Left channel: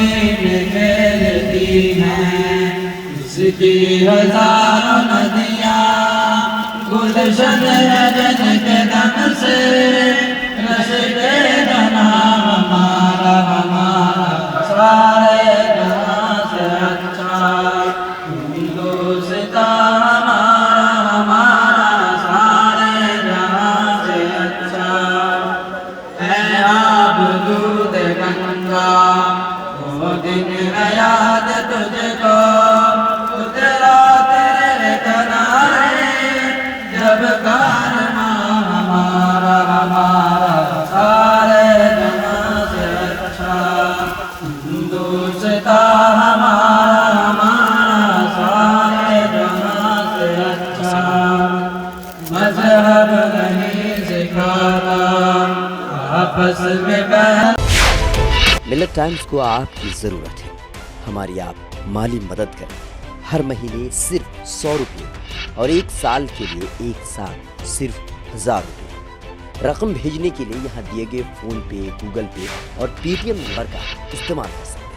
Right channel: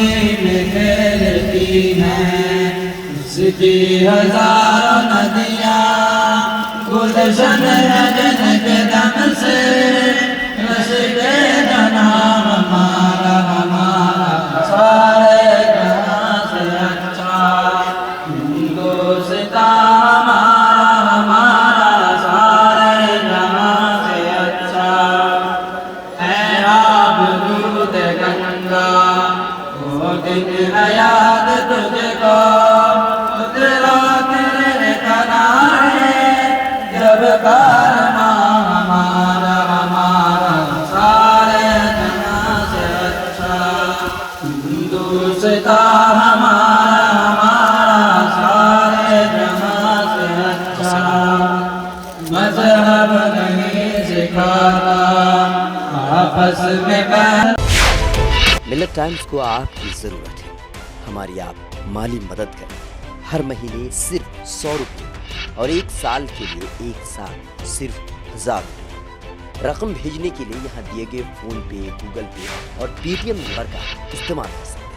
में खेलती हैं, उसकी हजारों नदियाँ गुलशन रजनी के दम से, रस के दमा हमारा हमारा सारे जहाँ से अच्छा, हिंदुस्तान हमारा हमारा सारे जहाँ से अच्छा। ऐ आप दूत गंगा वो दिन है याद तुझको, तेरा तेरे किनारे जब कारना हमारा हमारा सारे जहाँ से अच्छा, हिंदुस्तान हमारा हमारा सारे जहाँ से अच्छा। मज़हब नहीं सिखाता आपस में बहन। मिल्लत टाइम्स को आपकी ज़रूरत है, हमारी आप माली मदद करें। हर महीने सिर्फ 100 रुपये और 1 साल के लिए एक साथ सिर्फ 1000 रुपये। रकम भेजने के लिए यहाँ दिए गए फ़ोन पे, गूगल पे और पेटीएम नंबर का इस्तेमाल कर सकते हैं।